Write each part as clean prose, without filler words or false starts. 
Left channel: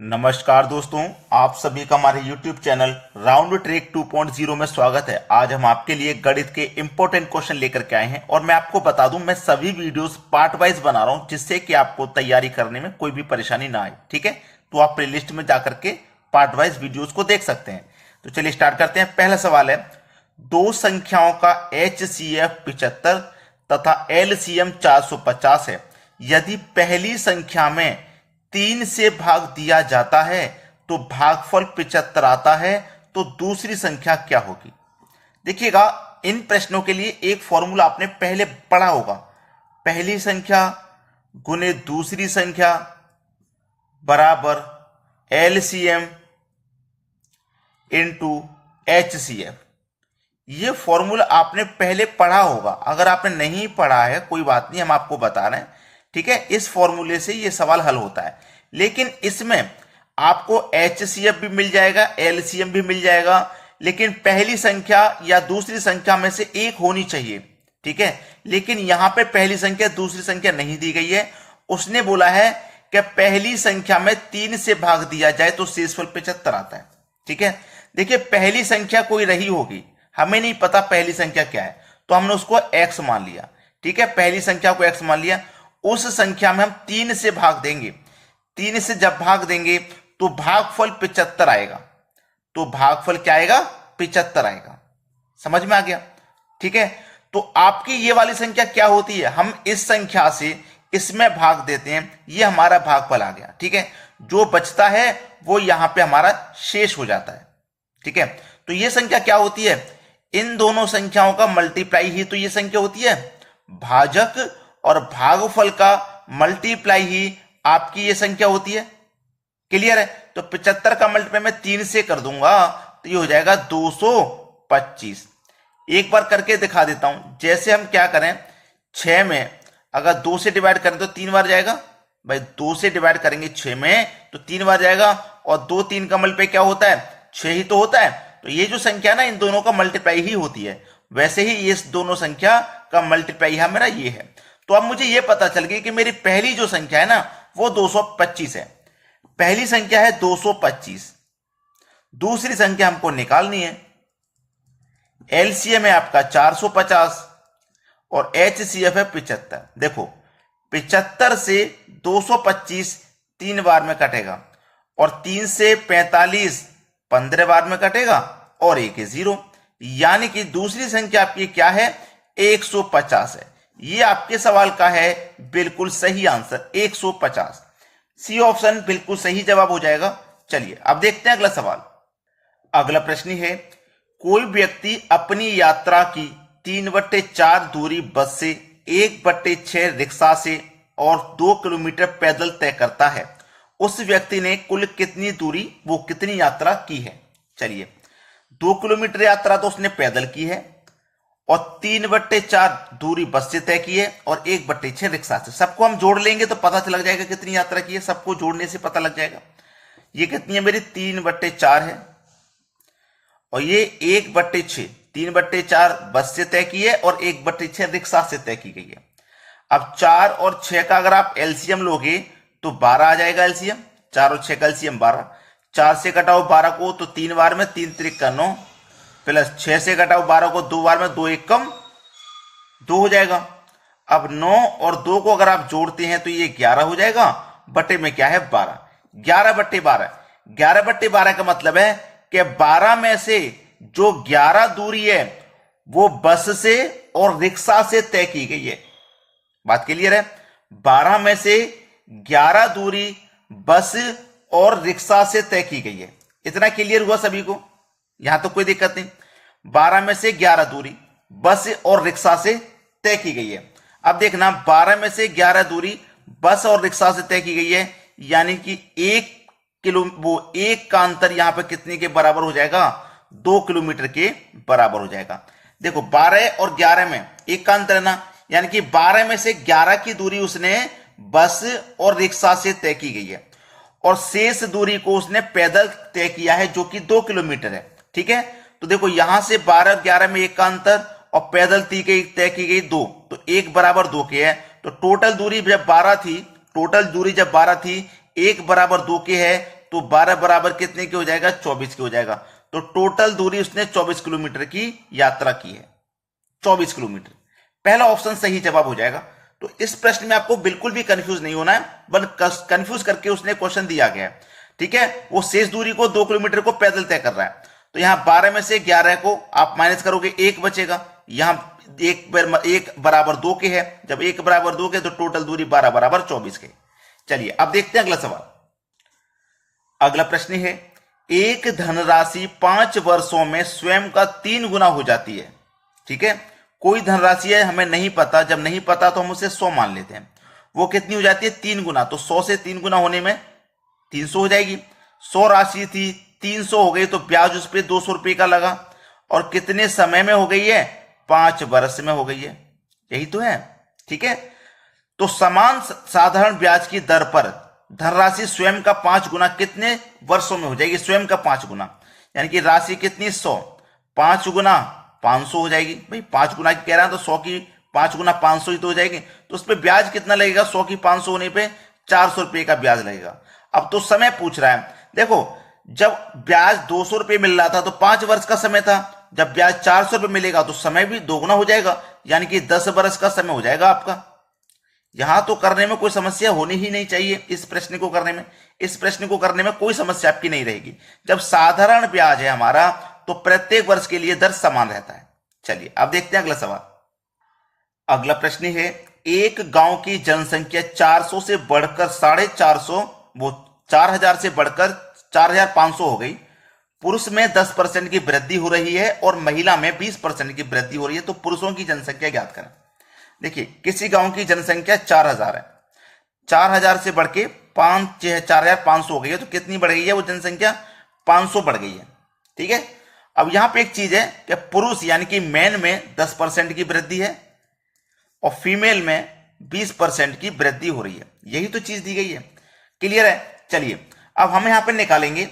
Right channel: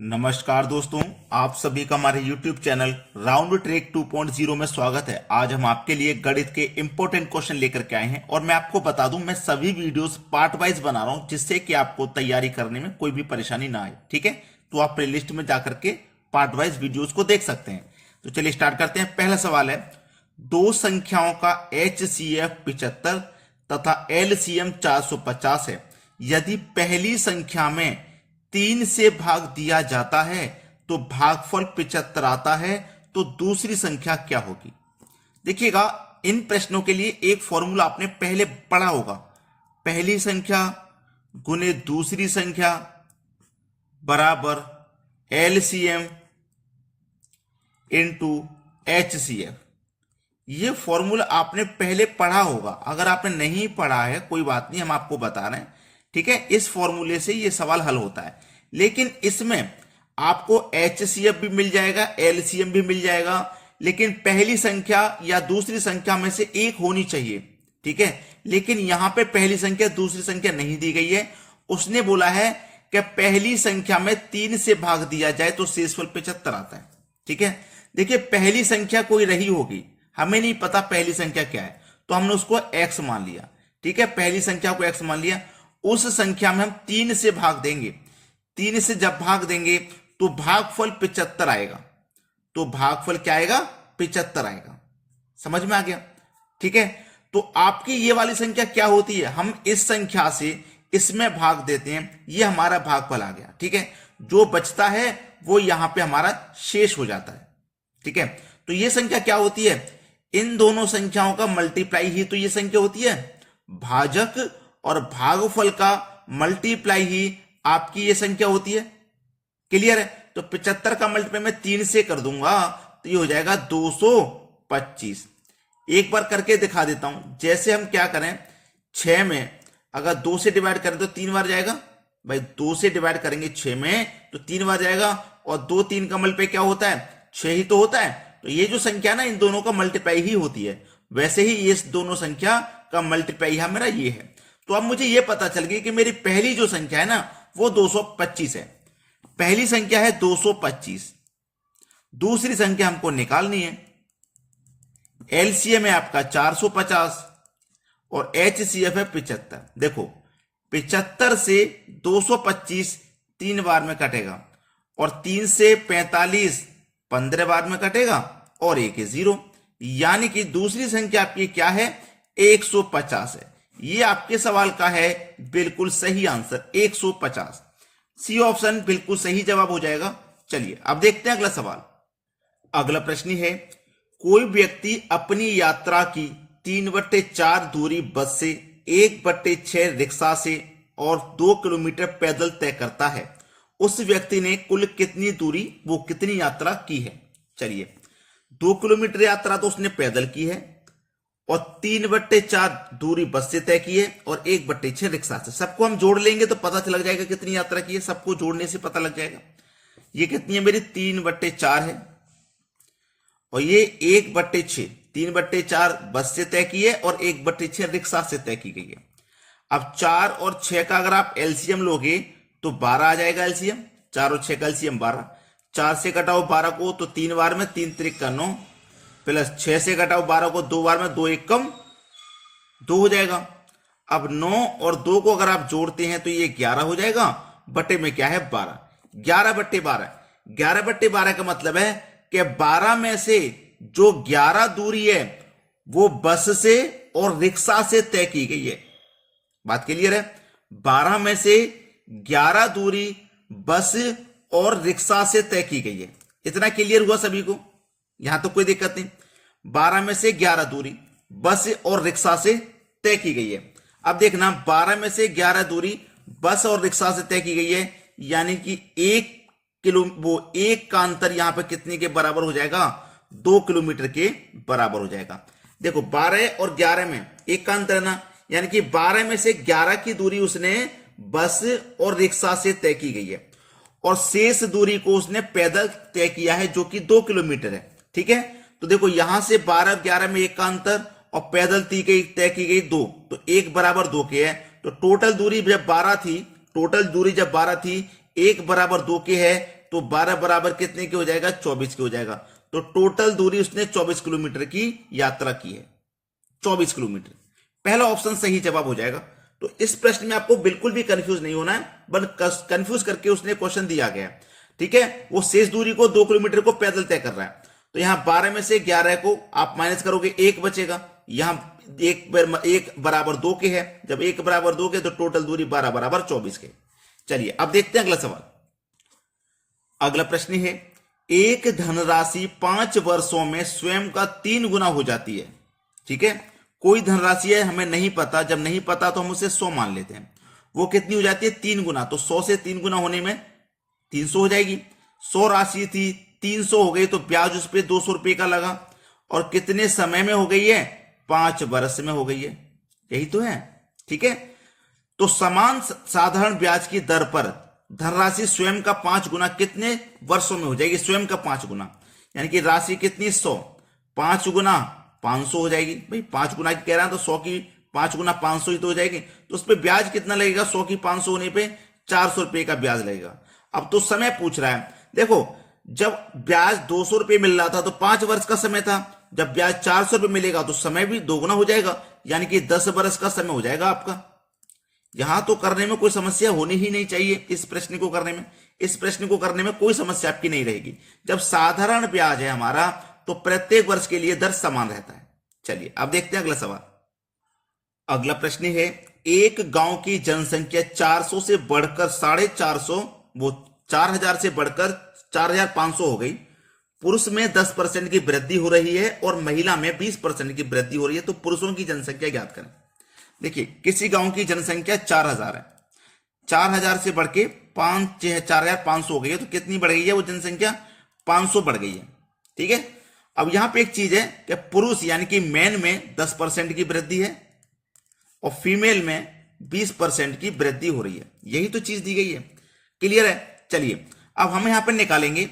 नमस्कार दोस्तों, आप सभी का हमारे YouTube चैनल राउंड ट्रिक 2.0 में स्वागत है। आज हम आपके लिए गणित के इंपॉर्टेंट क्वेश्चन लेकर के आए हैं और मैं आपको बता दूं, मैं सभी वीडियोस पार्ट वाइज बना रहा हूं जिससे कि आपको तैयारी करने में कोई भी परेशानी ना आए। ठीक है, तो आप प्लेलिस्ट में जाकर के पार्ट वाइज वीडियोज को देख सकते हैं। तो चलिए स्टार्ट करते हैं। पहला सवाल है, दो संख्याओं का HCF 75 तथा LCM 450 है। यदि पहली संख्या में 3 से भाग दिया जाता है तो भागफल 75 आता है, तो दूसरी संख्या क्या होगी? देखिएगा, इन प्रश्नों के लिए एक फॉर्मूला आपने पहले पढ़ा होगा। पहली संख्या गुने दूसरी संख्या बराबर LCM इंटू HCF। ये फॉर्मूला आपने पहले पढ़ा होगा। अगर आपने नहीं पढ़ा है कोई बात नहीं, हम आपको बता रहे हैं। ठीक है, इस फॉर्मूले से ये सवाल हल होता है, लेकिन इसमें आपको HCF भी मिल जाएगा, LCM भी मिल जाएगा, लेकिन पहली संख्या या दूसरी संख्या में से एक होनी चाहिए। ठीक है, लेकिन यहां पे पहली संख्या दूसरी संख्या नहीं दी गई है। उसने बोला है कि पहली संख्या में 3 से भाग दिया जाए तो शेषफल 75 आता है। ठीक है, देखिए पहली संख्या कोई रही होगी, हमें नहीं पता पहली संख्या क्या है, तो हमने उसको x मान लिया। ठीक है, पहली संख्या को x मान लिया। उस संख्या में हम 3 से भाग देंगे। 3 से जब भाग देंगे तो भागफल 75 आएगा। तो भागफल क्या आएगा? 75 आएगा। समझ में आ गया? ठीक है, तो आपकी ये वाली संख्या क्या होती है? हम इस संख्या से इसमें भाग देते हैं, ये हमारा भागफल आ गया। ठीक है, जो बचता है वो यहां पे हमारा शेष हो जाता है। ठीक है, तो ये संख्या क्या होती है? इन दोनों संख्याओं का मल्टीप्लाई ही तो ये संख्या होती है। भाजक और भागफल का मल्टीप्लाई ही आपकी ये संख्या होती है। क्लियर है? तो 75 का मल्टीप्लाई मैं 3 से कर दूंगा तो ये हो जाएगा 225। एक बार करके दिखा देता हूं। जैसे हम क्या करें, 6 में अगर 2 से डिवाइड करें तो 3 बार जाएगा। भाई 2 से डिवाइड करेंगे 6 में तो 3 बार जाएगा, और 2 3 का मल्टीप्लाई क्या होता है? 6 ही तो होता है। तो ये जो संख्या ना, इन दोनों का मल्टीप्लाई ही होती है। वैसे ही ये दोनों संख्या का मल्टीप्लाई यहां मेरा ये है। तो अब मुझे ये पता चल गया कि मेरी पहली जो संख्या है ना वो 225 है। पहली संख्या है 225, दूसरी संख्या हमको निकालनी है। LCM है आपका 450 और HCF है 75। देखो 75 से 225 3 बार में कटेगा, और 3 से 45 15 बार में कटेगा, और एक है 0। यानी कि दूसरी संख्या आपकी क्या है? 150 है। ये आपके सवाल का है बिल्कुल सही आंसर, 150। सी ऑप्शन बिल्कुल सही जवाब हो जाएगा। चलिए अब देखते हैं अगला सवाल। अगला प्रश्न है, कोई व्यक्ति अपनी यात्रा की 3/4 दूरी बस से, 1/6 रिक्शा से और 2 किलोमीटर पैदल तय करता है। उस व्यक्ति ने कुल कितनी दूरी, वो कितनी यात्रा की है? चलिए, 2 किलोमीटर यात्रा तो उसने पैदल की है, और 3/4 दूरी बस से तय की है, और 1/6 रिक्शा से। सबको हम जोड़ लेंगे तो पता चल जाएगा कितनी यात्रा की है। सबको जोड़ने से पता लग जाएगा। ये कितनी है मेरी? 3/4 है, और ये 1/6। 3/4 बस से तय की है और 1/6 रिक्शा से तय की गई है। अब 4 और 6 का अगर आप LCM लोगे तो 12 आ जाएगा LCM। 4 और 6 का LCM 12। 4 से कटाओ 12 को तो 3 बार में, 3 त्रिक का 9, प्लस 6 से घटाओ 12 को 2 बार में, 2 एक कम 2 हो जाएगा। अब 9 और 2 को अगर आप जोड़ते हैं तो ये 11 हो जाएगा, बटे में क्या है? 12। 11/12। 11/12 का मतलब है कि 12 में से जो 11 दूरी है वो बस से और रिक्शा से तय की गई है। बात क्लियर है? 12 में से 11 दूरी बस और रिक्शा से तय की गई है। इतना क्लियर हुआ सभी को? यहां तो कोई दिक्कत नहीं। 12 में से 11 दूरी बस और रिक्शा से तय की गई है। अब देखना, 12 में से 11 दूरी बस और रिक्शा से तय की गई है, यानी कि 1 का अंतर यहां पे कितने के बराबर हो जाएगा? 2 किलोमीटर के बराबर हो जाएगा। देखो 12 और 11 में 1 का अंतर है ना, यानी कि 12 में से 11 की दूरी उसने बस और रिक्शा से तय की गई है, और शेष दूरी को उसने पैदल तय किया है जो कि 2 किलोमीटर है। ठीक है, तो देखो यहां से 12 और 11 में 1 का अंतर, और पैदल तय की गई 2, तो 1 बराबर 2 के है। तो टोटल दूरी जब 12 थी, टोटल दूरी जब 12 थी, 1 बराबर 2 के है, तो 12 बराबर कितने की हो जाएगा, 24 की हो जाएगा। तो टोटल दूरी उसने 24 किलोमीटर की यात्रा की है, 24 किलोमीटर। पहला ऑप्शन सही जवाब हो जाएगा। तो इस प्रश्न में आपको बिल्कुल भी कंफ्यूज नहीं होना है, बट कंफ्यूज करके उसने क्वेश्चन दिया गया है, ठीक है। वो शेष दूरी को 2 किलोमीटर को पैदल तय कर रहा है। तो यहां 12 में से 11 को आप माइनस करोगे, 1 बचेगा। यहां एक बराबर 2 के है, जब 1 बराबर 2 के तो टोटल दूरी 12 बराबर 24 के। चलिए अब देखते हैं अगला सवाल। अगला प्रश्न है, एक धनराशि 5 वर्षों में स्वयं का 3 गुना हो जाती है, ठीक है। कोई धनराशि है, हमें नहीं पता, जब नहीं पता तो हम उसे 100 मान लेते हैं। वो कितनी हो जाती है, 3 गुना। तो 100 से 3 गुना होने में 300 हो जाएगी। 100 राशि थी, 300 हो गई, तो ब्याज उस पर 200 रुपये का लगा। और कितने समय में हो गई है, 5 वर्ष में हो गई है, यही तो है, ठीक है। तो समान साधारण ब्याज की दर पर धनराशि स्वयं का 5 गुना कितने वर्षों में हो जाएगी, स्वयं का 5 गुना, यानी कि राशि कितनी 100, 5 गुना 500 हो जाएगी। भाई 5 गुना की कह रहा है तो 100 की 5 गुना 500 ही तो हो जाएगी। तो उस पर ब्याज कितना लगेगा, 100 की 500 होने पे 400 रुपये का ब्याज लगेगा। अब तो समय पूछ रहा है, देखो जब ब्याज 200 रुपये मिल रहा था तो 5 वर्ष का समय था, जब ब्याज 400 रुपये मिलेगा तो समय भी दोगुना हो जाएगा, यानी कि 10 वर्ष का समय हो जाएगा आपका। यहां तो करने में कोई समस्या होनी ही नहीं चाहिए। इस प्रश्न को करने में कोई समस्या आपकी नहीं रहेगी। जब साधारण ब्याज है हमारा तो प्रत्येक वर्ष के लिए दर समान रहता है। चलिए अब देखते हैं अगला सवाल। अगला प्रश्न है, एक गांव की जनसंख्या 400 से बढ़कर 450, वो 4000 से बढ़कर 4500 हो गई। पुरुष में 10% की वृद्धि हो रही है और महिला में 20% की वृद्धि हो रही है। तो पुरुषों की जनसंख्या ज्ञात करें। देखिए किसी गांव की जनसंख्या 4000 है, 4000 से बढ़ के 4500 हो गई है। तो कितनी बढ़ गई है वो जनसंख्या, 500 बढ़ गई है, ठीक है। अब यहां पे एक चीज है कि पुरुष यानी कि मैन में 10% की वृद्धि है और फीमेल में 20% की वृद्धि हो रही है, यही तो चीज दी गई है। क्लियर है। चलिए अब हम यहां पर निकालेंगे,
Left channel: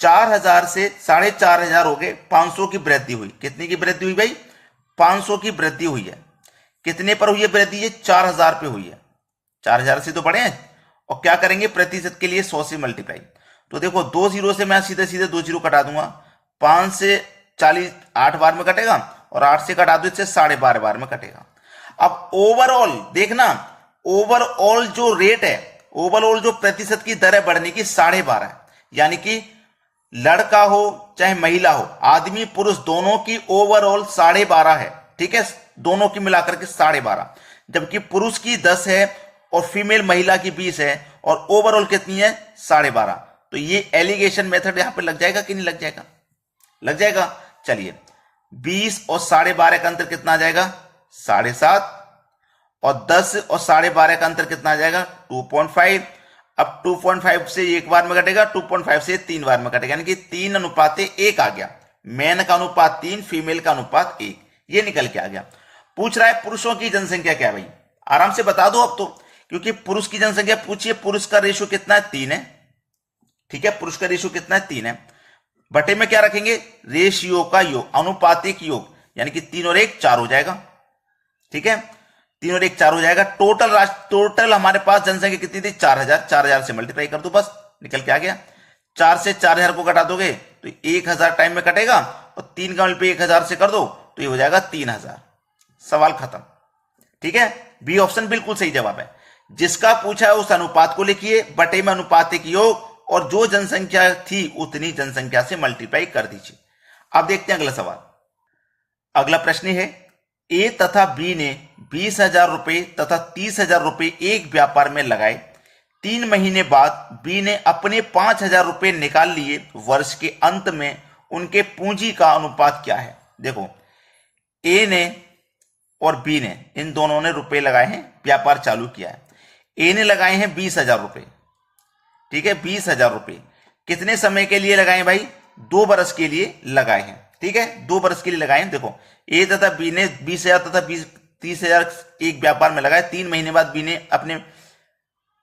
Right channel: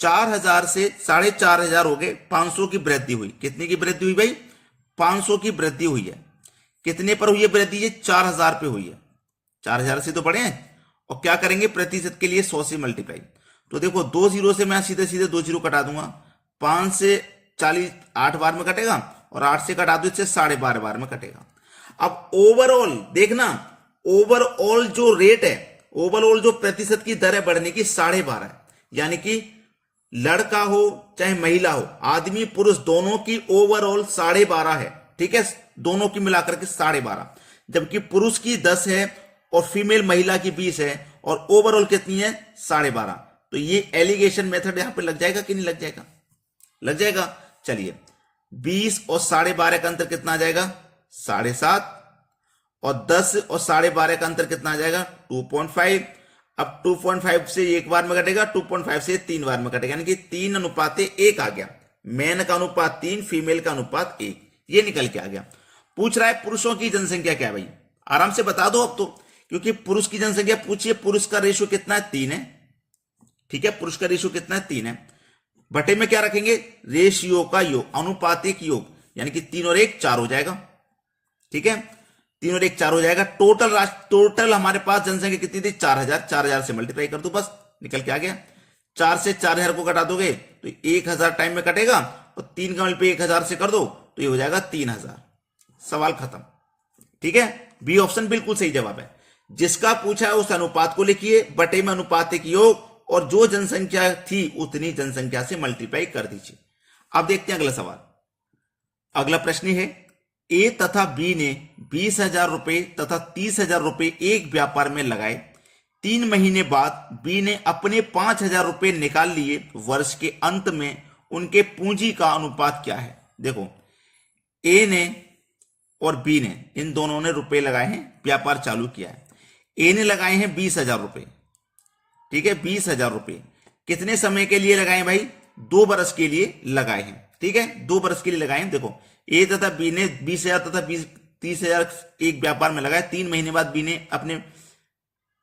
4000 से 4500 हो गए, 500 की वृद्धि हुई। कितनी की वृद्धि हुई भाई, 500 की वृद्धि हुई है। कितने पर हुई है वृद्धि, ये 4000 पे हुई है। 4000 से तो बढ़े हैं। और क्या करेंगे, प्रतिशत के लिए 100 से मल्टीप्लाई। तो देखो 2 जीरो से मैं सीधे सीधे 2 जीरो कटा दूंगा। 5 से 40 8 बार में कटेगा और 8 से कटा दो इससे 12.5 बार में कटेगा। अब ओवरऑल देखना, ओवरऑल जो रेट है, ओवरऑल जो प्रतिशत की दर है बढ़ने की 12.5 है। यानी कि लड़का हो चाहे महिला हो, आदमी पुरुष दोनों की ओवरऑल 12.5 है, ठीक है। दोनों की मिलाकर के 12.5, जबकि पुरुष की 10 है और फीमेल महिला की 20 है और ओवरऑल कितनी है 12.5। तो ये एलिगेशन मेथड यहां पे लग जाएगा कि नहीं लग जाएगा, लग जाएगा। चलिए 20 और 12.5 का अंतर कितना आ जाएगा, 7.5, और 10 और 12.5 का अंतर कितना आ जाएगा, 2.5। अब 2.5 से एक बार में कटेगा, 2.5 से 3 बार में कटेगा, यानी कि 3:1 आ गया। मैन का अनुपात 3, फीमेल का अनुपात 1, ये निकल के आ गया। पूछ रहा है पुरुषों की जनसंख्या क्या, भाई आराम से बता दो अब तो, क्योंकि पुरुष की जनसंख्या पूछिए। पुरुष का रेशो कितना है, 3 है, ठीक है। पुरुष का रेशो कितना है, 3 है। बटे में क्या रखेंगे, रेशियो का योग, अनुपातिक योग, यानी कि 3 और 1 4 हो जाएगा, ठीक है। 3 और 1 4 हो जाएगा। टोटल हमारे पास जनसंख्या कितनी थी, 4000। 4000 से मल्टीप्लाई कर दो, बस निकल के आ गया। 4 से 4000 को कटा दोगे तो 1000 टाइम में कटेगा, और 3 का मल्टीप्लाई 1000 से कर दो तो ये हो जाएगा 3000। सवाल खत्म, ठीक है। बी ऑप्शन बिल्कुल सही जवाब है। जिसका पूछा है उस अनुपात को लिखिए, बटे में अनुपातिक योग, और जो जनसंख्या थी उतनी जनसंख्या से मल्टीप्लाई कर दीजिए। अब देखते हैं अगला सवाल। अगला प्रश्न है, ए तथा बी ने 20,000 रुपए तथा 30,000 रुपए एक व्यापार में लगाए। 3 महीने बाद बी ने अपने 5,000 रुपए निकाल लिए। वर्ष के अंत में उनके पूंजी का अनुपात क्या है। देखो ए ने और बी ने, इन दोनों ने रुपए लगाए हैं, व्यापार चालू किया है। ए ने लगाए हैं 20,000 रुपए, ठीक है। 20,000 रुपए कितने समय के लिए लगाए भाई, 2 बरस के लिए लगाए हैं, ठीक है। 2 बरस के लिए लगाए हैं। देखो ए तथा बी ने 20,000 तथा 30,000 एक व्यापार में लगाए। 3 महीने बाद बी ने अपने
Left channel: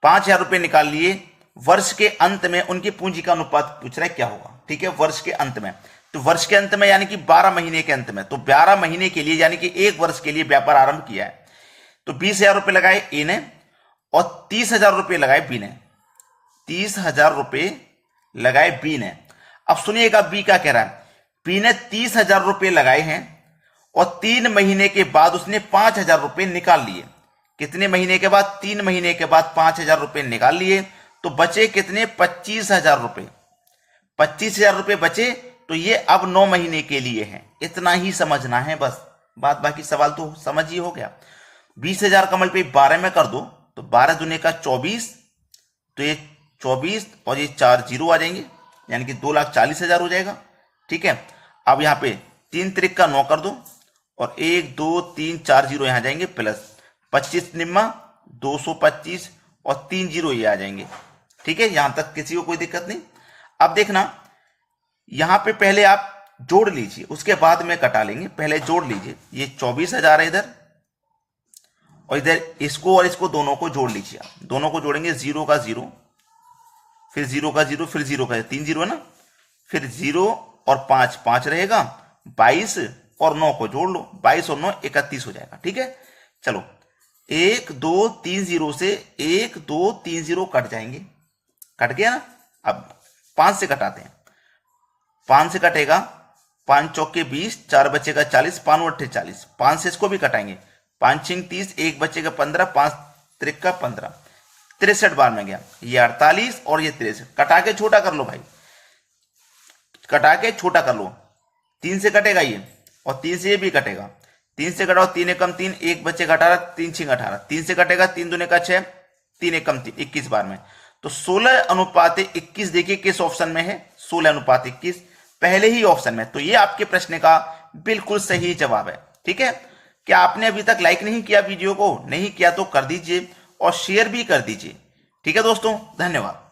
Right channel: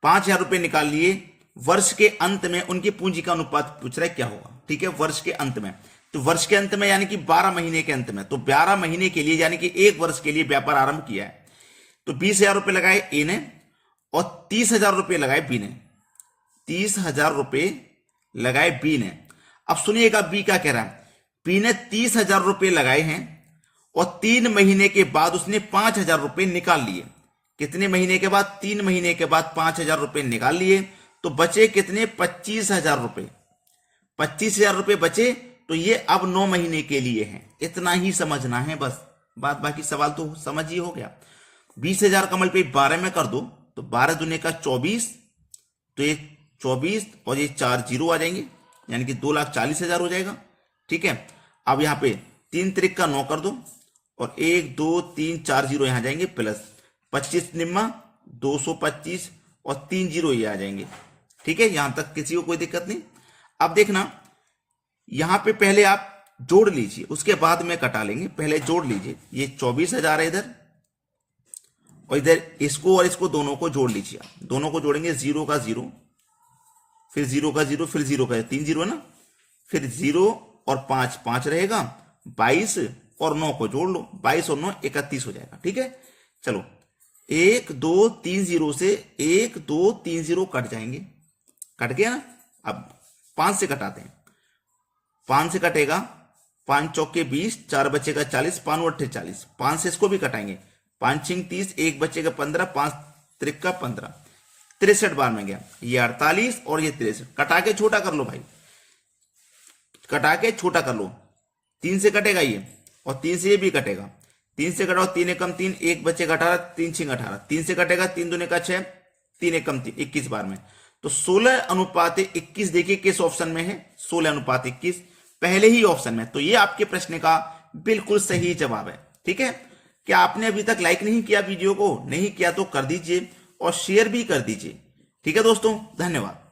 5,000 रुपए निकाल लिए। वर्ष के अंत में उनकी पूंजी का अनुपात पूछ रहा है क्या होगा, ठीक है। वर्ष के अंत में, तो वर्ष के अंत में यानी कि 12 महीने के अंत में, तो 12 महीने के लिए यानी कि 1 वर्ष के लिए व्यापार आरंभ किया है। तो 20,000 रुपए लगाए ए ने और 30,000 रुपए लगाए बी ने। 30,000 रुपए लगाए बी ने। अब सुनिएगा बी क्या कह रहा है। बी ने 30,000 रुपए लगाए हैं और 3 महीने के बाद उसने 5,000 रुपए निकाल लिए। कितने महीने के बाद? 3 महीने के बाद 5,000 रुपए निकाल लिए, तो बचे कितने? 25,000 रुपए। 25,000 रुपए बचे, तो ये अब 9 महीने के लिए है। इतना ही समझना है बस, बात बाकी सवाल तो समझ ही हो गया। 20,000 कमल पे 12 में कर दो, तो 12 दूने का 24, तो ये 24 और ये 4 जीरो आ जाएंगे, यानी कि 2,40,000 हो जाएगा। ठीक है, अब यहां पे 3 त्रिक का 9 कर दो और 1 2 3 4 जीरो यहां जाएंगे, प्लस 25 निम्मा 225 और 3 जीरो ये आ जाएंगे। ठीक है, यहां तक किसी को कोई दिक्कत नहीं। अब देखना, यहां पे पहले आप जोड़ लीजिए, उसके बाद में कटा लेंगे। पहले जोड़ लीजिए, ये 24,000 है इधर, और इधर इसको और इसको दोनों को जोड़ लीजिए। आप दोनों को जोड़ेंगे, 0 का 0, फिर 0 का 0, फिर 0 का 3 जीरो है ना, फिर 0 और 5 5 रहेगा, 22 और 9 को जोड़ लो, 22 और 9 31 हो जाएगा। ठीक है, चलो 1 2 3 0 से 1 2 3 0 कट जाएंगे, कट गया ना। अब 5 से कटाते हैं, 5 से कटेगा, 5 चौके 20, 4 बचेगा 40, 5 अट्ठे 40, 5 से इसको भी कटाएंगे, 5 छिंग 30, 1 बचेगा 15, 5 त्रिक का 15, 63 बार में गया, ये 48 और ये 63। कटा के छोटा कर लो भाई, कटा के छोटा कर लो। 3 से कटेगा ये, और 3 से ये भी कटेगा, 3 से कटाओ, 3 एकम 3, 1 बचेगा 18, 3 छिंग 18, 3 से कटेगा, 3 दूने का 6, 3 एकम 3, 21 बार में। तो 16:21 देखिए किस ऑप्शन में है, 16:21 पहले ही ऑप्शन में। तो ये आपके प्रश्न का बिल्कुल सही जवाब है। ठीक है, क्या आपने अभी तक लाइक नहीं किया वीडियो को? नहीं किया तो कर दीजिए और शेयर भी कर दीजिए। ठीक है दोस्तों, धन्यवाद।